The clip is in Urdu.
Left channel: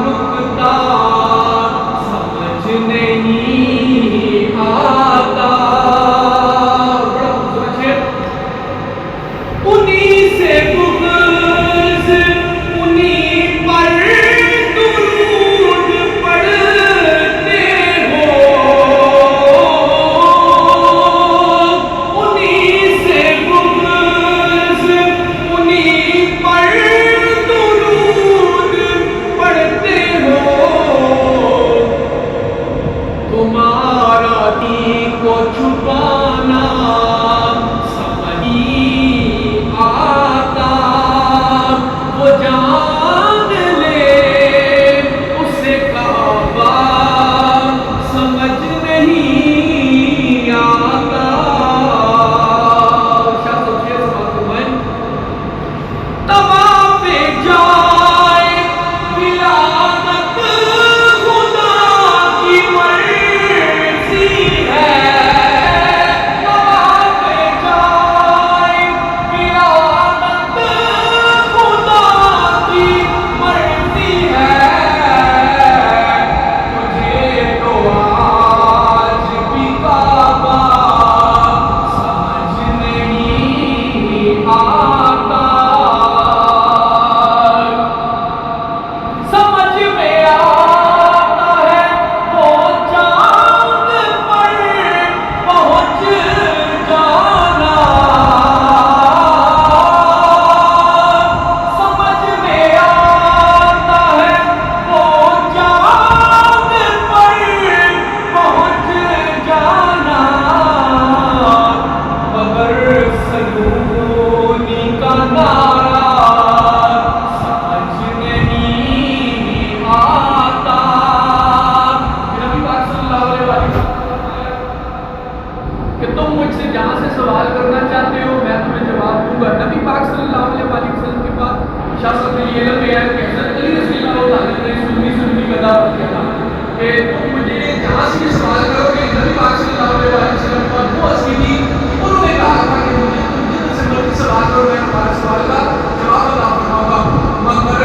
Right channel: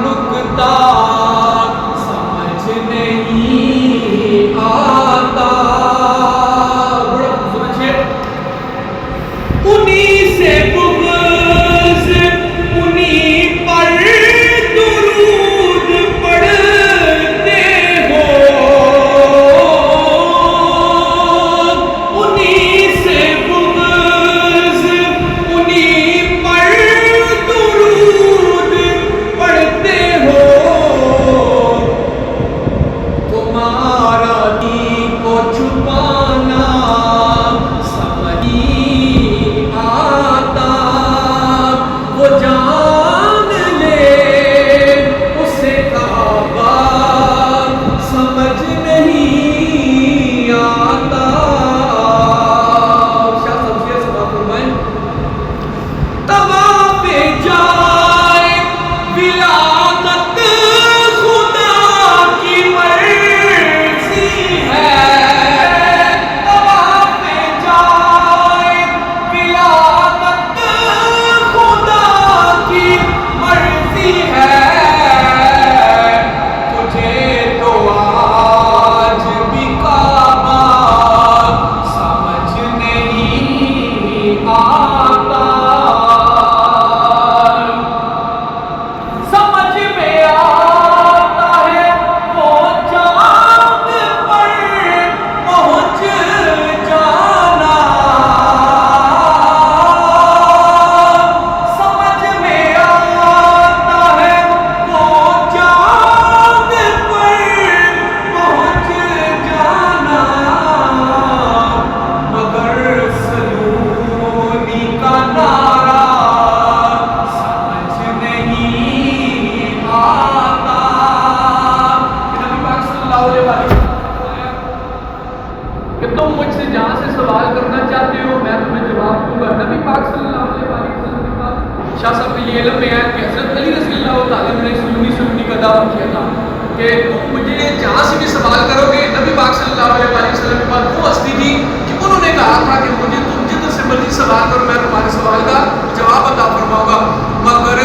نکتہ سمجھ نہیں آتا. بڑا خوبصورت شعر. انہی سے بغض انہی پر درود پڑھتے ہو, انہی سے بغض انہی پر درود پڑھتے ہو. تمہارا دین کو چھپانا سمجھ نہیں آتا. وہ جان لے اسے کعبہ سمجھ نہیں آتا. شاہ صاحب شعر سماعت فرمائیں. طواف جائے ولادت خدا کی مرضی ہے. طواف جائے ولادت خدا کی مرضی ہے. تجھے تو آج بھی کعبہ سمجھ نہیں آتا. سمجھ میں آتا ہے وہ چاند پر پہنچ جانا. سمجھ میں آتا ہے وہ چاند پر پہنچ جانا. مگر سلونی کا نعرہ سمجھ نہیں آتا. نبی پاک صلی اللہ علیہ وسلم کہ تم مجھ سے جہاں سے سوال کرنا چاہتے ہو میں تمہیں جواب دوں گا. نبی پاک صلی اللہ علیہ وسلم کے بعد شاہ صاحب نے یہ علم بیان کہ حضرت علی رضی اللہ تعالیٰ نے سنی کا دعویٰ کیا تھا کہ تم مجھے جہاں سے بھی سوال کرو گے. نبی پاک صلی اللہ علیہ وسلم کے بعد وہ ہستی تھی کہ انہوں نے کہا تھا کہ مجھے تم جدھر سے مرضی سوال کرو میں تمہارے سوال کا جواب عطا فرماؤں گا. مگر